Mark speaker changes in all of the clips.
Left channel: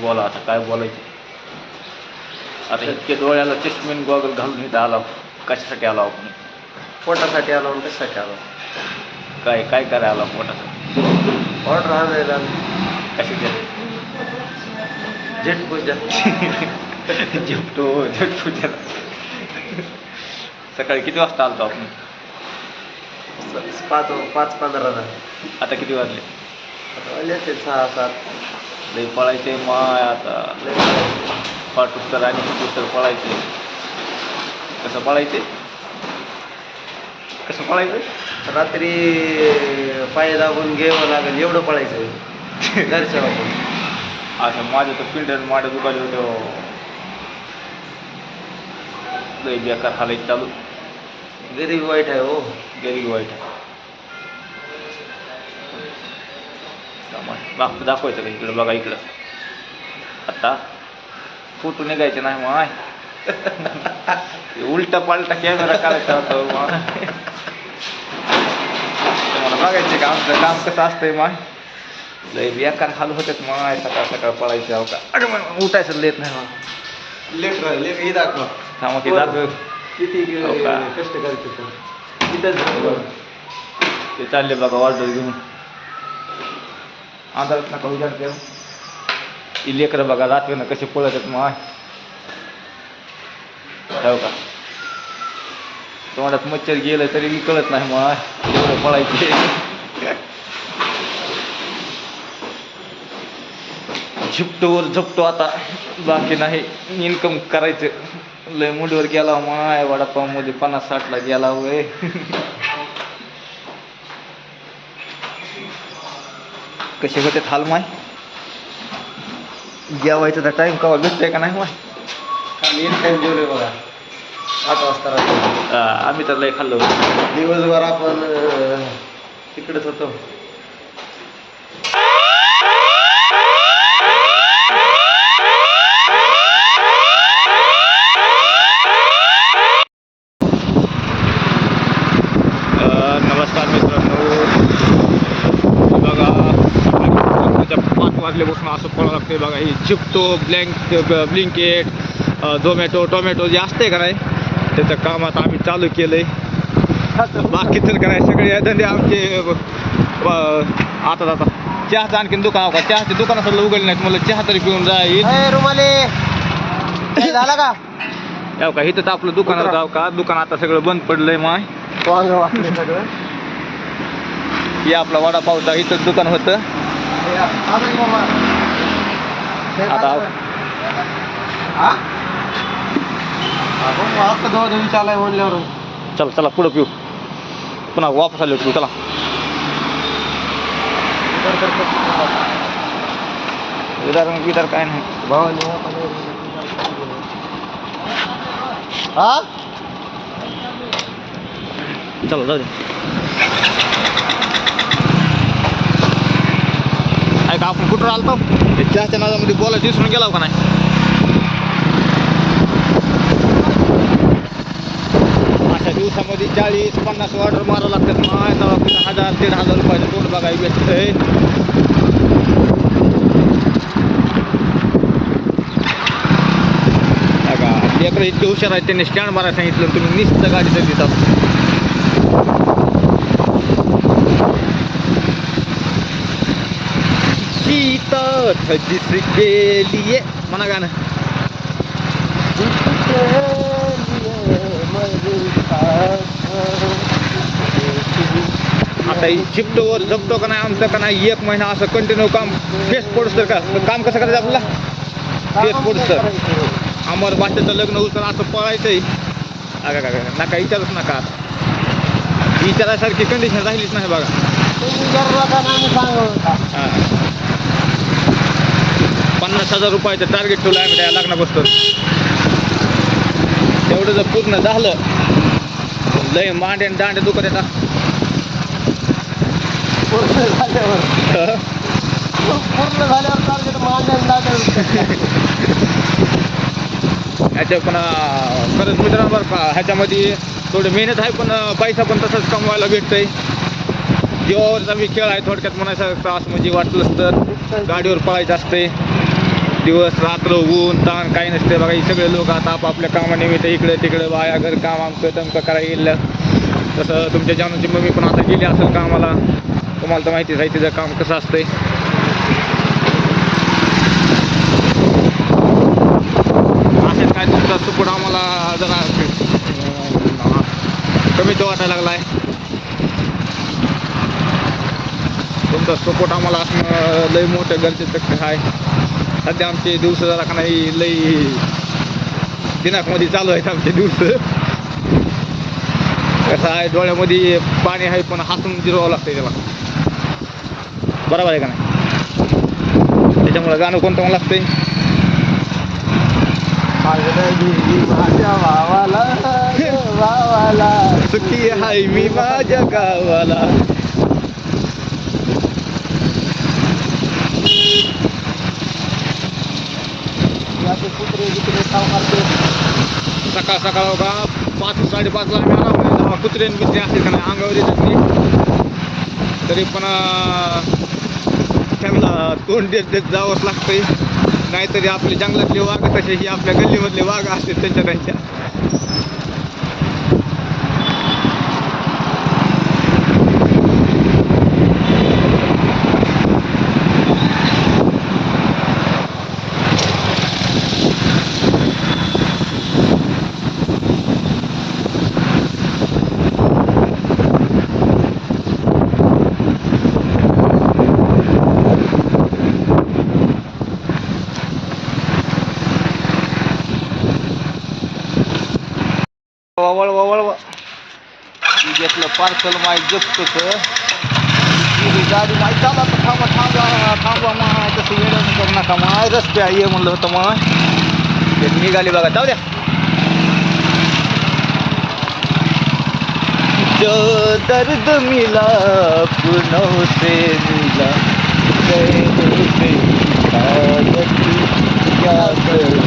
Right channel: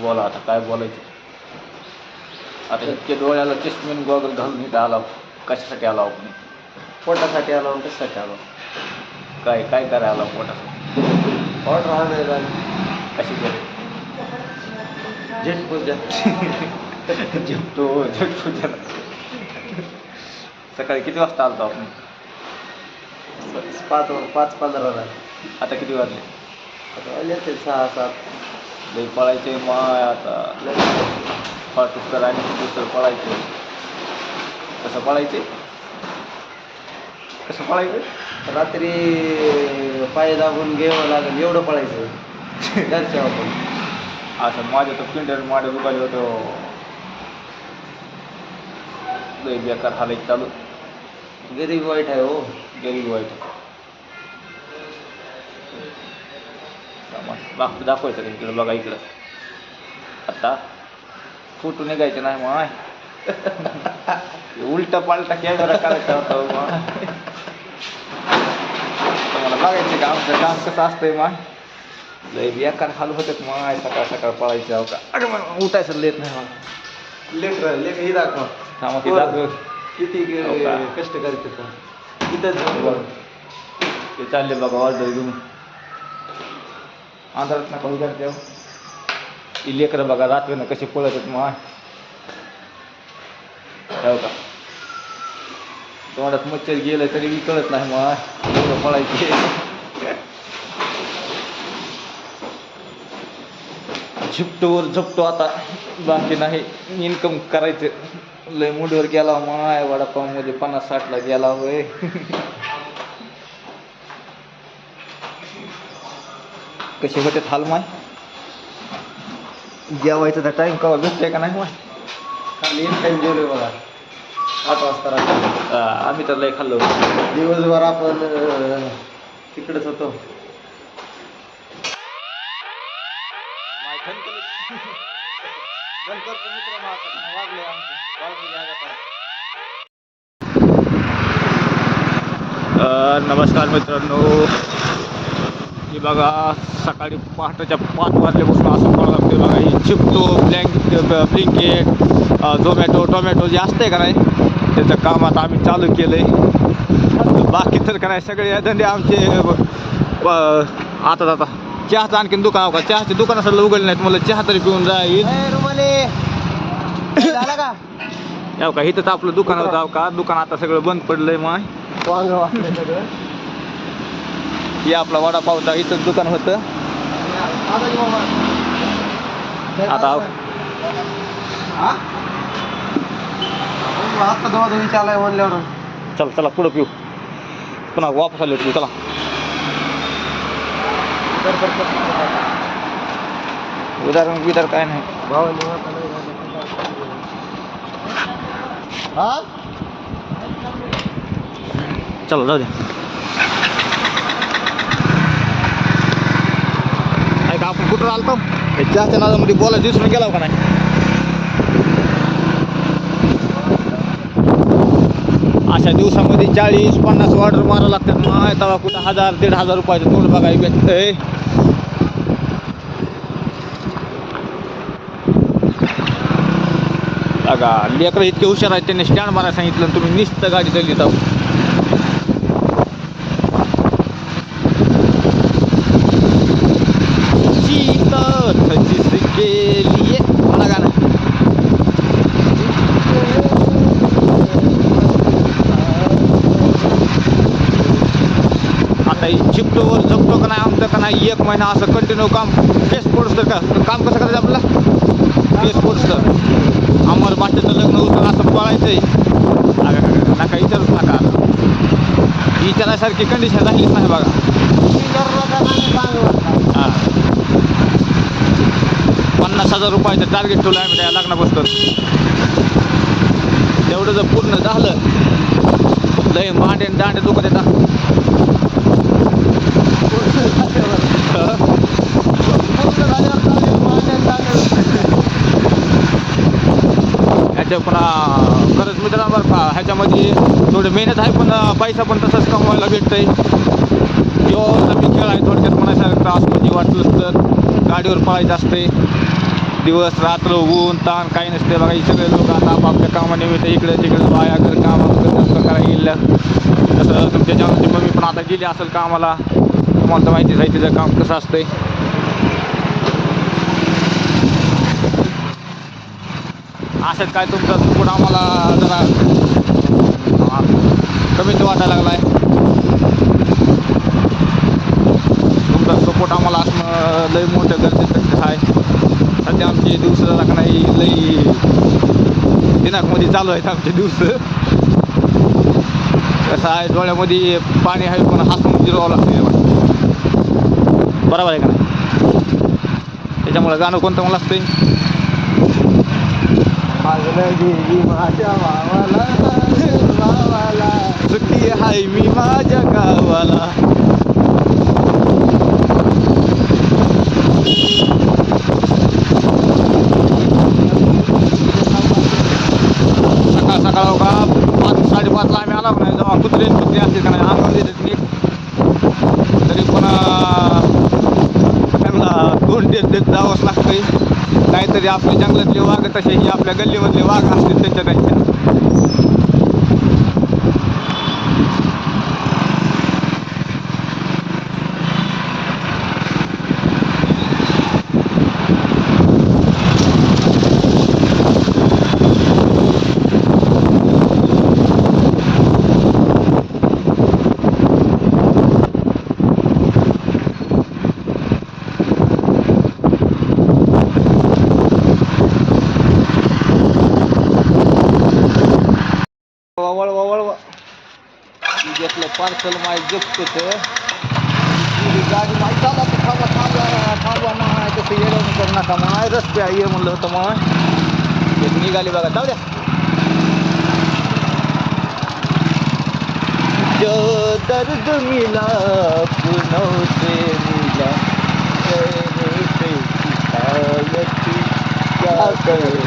Speaker 1: बोला आता काय बोलायचं? आता इतके डोळ्याला चष्मीन गॉगल घालून इथं आला. कशासाठी आला आपण?
Speaker 2: पोटासाठी आलो कशासाठी आलो?
Speaker 1: काय काय करायला आला पोटासाठी?
Speaker 2: ऑर्डर आणायला.
Speaker 1: कशी केली
Speaker 2: झेट पूजा.
Speaker 1: झेपतो झेपतो सकाळी किती वाजता आलतो आपण?
Speaker 2: पाच पाच पंधराला.
Speaker 1: आता किती वाजले?
Speaker 2: आता वाजले ते सहा सात.
Speaker 1: लई पळायचे माय आता.
Speaker 2: लय
Speaker 1: पाठूस्तर आणि कुठूस्तर पळायचे. कसं पळायचे? कसं पळायचं?
Speaker 2: रात्री पाय दाबून घ्यावं लागेल एवढं पळायचं. घरच्या आपण
Speaker 1: असं माझ्या तर पिंड्यान माड्या दुखाले होते. लई बेकार हालायचं चालू.
Speaker 2: गरीब वाईट आहे हो.
Speaker 1: गरीब वाईट मागचं दाखवायचं का इकडं बघा इकडं. आता फोटो निघायचे नाही माय उलटा पालटा कॅमेरा करायचा होता हो माय तुम्हाला बघायचे का आमचं काम कसं असतंय माय लय बेकार हाल होतात माय सकाळ सकाळ पळायचे अहो का. अगं मग उठायचं लेत नाही मला
Speaker 2: लेकर लेकर ही दाखव.
Speaker 1: थांबा की दाखव.
Speaker 2: किती
Speaker 1: हो?
Speaker 2: कष्ट करतो
Speaker 1: ते. चालले बघा ऑर्डर घेऊन. अंधारात नका विचारते देव ही लेकरं बघा रात्रीनं कसे पळत आहेत माय हो का. तोंडात मच्छर गेलं तरी मी कळत नाही माय एवढं पळायचे. झिपटोवर झपटो आता. बाकी नाही. इन्कम करायचं. लय मुंडीवर गेला माय वडापावमध्ये पन्नास साठला गेला वय. कसे होते हाल माय? जेवायचं तर टाइम कवा भेटतंय का नाही माय?
Speaker 2: एक टाइम जेवलोय बघा. आठ वाजता रात्री.
Speaker 1: आम्ही तर लय खाल्लो
Speaker 2: दिवसभर आपण अं, तिकडेच होतो.
Speaker 1: अ, नमस्कार मित्रांनो. रात्रीच्या पाच वाजल्यापासून असं फळ लागते बघा ही चिप्टो ब्लँक ब्लिंकेट झोमॅटो टोमॅटो जे असते का नाही त्याचं काम आता आम्ही चालू केलं आहे बाकी तर का नाही सगळे हे धंदे आमचे आता आता. चहाचं आणखीन दुकान का? चहाचे दुकान सगळं उघडले नाहीत मला चहा तरी पिऊन जाईल
Speaker 2: रुमाले झाला का?
Speaker 1: याव का? इथं आपलं दुकान जाव का? दुकान आता सगळं बंद पडलंय माय.
Speaker 2: वांग वाटले सगळं.
Speaker 1: हे आपला वडापावचा इथं दुकान होतं. आता
Speaker 2: हा? आता दोन विचारलाय म्हणल्यावर.
Speaker 1: चला चला पुढं पिऊ. पुन्हा वापस आलो पिऊ चला. उदाहरण विदार काय नाही.
Speaker 2: हा?
Speaker 1: चला जाऊ दे. ऐका आपण कुठं आलतो? त्याच्या चहाच्या नादामध्ये बोलायचं विसरून गेला हो का नाही? अशा दिवसामध्ये चाळीस पन्नास ऑर्डर मारावं लागतात. माय तेव्हा कुठं हजार दीड हजार रुपयाचे तोंड बघाय भेटतंय. बघा इतके हुशार आहेत त्यांनी स्टँड मारायला सांगितलं तुम्ही निस्त गाडी चालली जाऊ. शीतल जिसके लिए। म्हणा गाणं आता झिपटोवर झपतो का नाही आमचं का नाही एक महिना असं कंटिन्यू काम. फेस पोडस तर का काम कसं करायचं आपल्याला फेस तर. अमर भाषेचं लग्न होतं असं पळायचंय. का नका विचारूच नका. विचारासारखी कंडिशन राहिलीच नाही बघा. हां. पन्नास हजार रुपयाचं टार्गेट ठेवलं आम्ही त्या लग्नापासून तेवढं जर पूर्ण झालं लय मांडे आणि दांडे दुखत येतात
Speaker 2: पूर्ण झाल्यावर. पूर्ण झाल्यावर
Speaker 1: ह्याच्या पुन्हा खरंच का ह्याच्यामध्ये थोडी मेहनत आहे पण पैसा पण तसंच कमवायला भेटतंय. किंवा मी खेळ आहे थोडक्यात म्हणायचा त्रास म्हणजे वाटलंच तर गाडीवर पळायचं असतंय. दिवस रात्र ऊन ताण काही नसते. बघा हे सगळे लोक आता आपापल्या कामानिमित्त इकडे तिकडे बाया घर काम आमचं तमकं करायला गेलं तसं तुमच्या जानूची मम्मी पण आता गेली असेल कामाला. तुम्हाला तर माहितीच आहे तिचं काम कसं असतंय. अशात काय तुमचा सुकूट आम्हाला जरा कमीच वाटायला लागलाय. तुमचा सपोर्ट आम्हाला असणं लई मोठं गरजेचं आहे. सध्या आमचे दिवस नाही लई दिनाकमध्ये चालू आहेत आमचे दिवस. कसं आहे डोळ्यामध्ये पाणी आहे पण हसून जिरवावं लागतं तेव्हा. बरोबर आहे का नाही? त्याच्यामुळं गाणं कोणतं मला लागतंय?
Speaker 2: भावाला
Speaker 1: सुट्टी हाय मी माझ्या गावाला सकाळ सकाळ बघा पाच साडेपाचला आम्ही आला नाही जेव्हा कुत्रे मित्रे असतील का नाही अंगावर येतात मी तरी पण अं, त्यांना तोंड देत देत जावंच लागतंय. नाहीतरी आपले जंगलातले वाघ तसे की आपल्या गल्लीमधले वाघ असतील त्यांच्या त्यांच्या. वळवा. वळ घेतलं पार्सल माय जपत गाडी माय चाला तर थांबा थांबा थांबा माय तसं येणं करू नका माय रस्ते आहे ये म्हणलं होतं माय निघाली बघा जाऊ द्या. जो दर्द मिला पुनव से मिला. से क्या करू?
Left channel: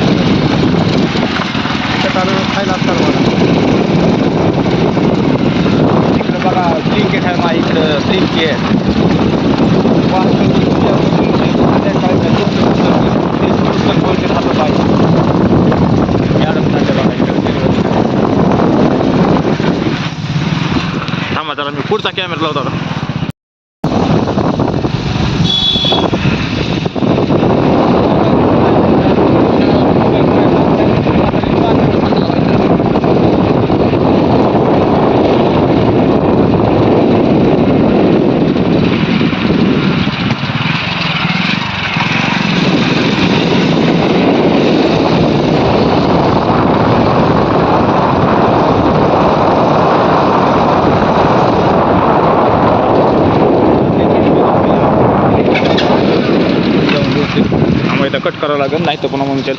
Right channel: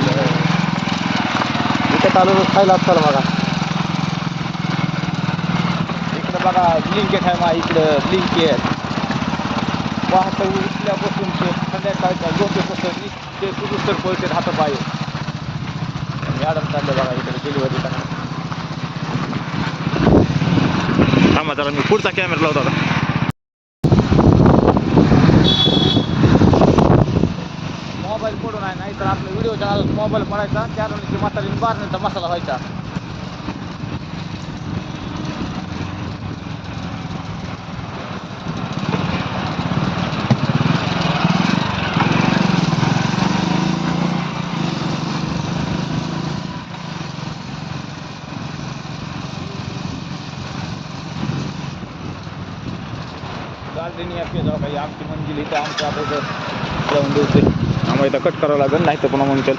Speaker 2: खायला तर मला
Speaker 1: इकडं क्रिकेट आहे ना इकडं ब्लिंकेट पार्सल ते संध्याकाळी दोन ते पुस्तक बोलते राहतं पाहिजे मॅडम चालले बघा इकडे डिलिव्हरी थांबा त्याला मी पुढचा कॅमेरा लावतो आता. कट करावं लागेल नाही तर पुन्हा मग चल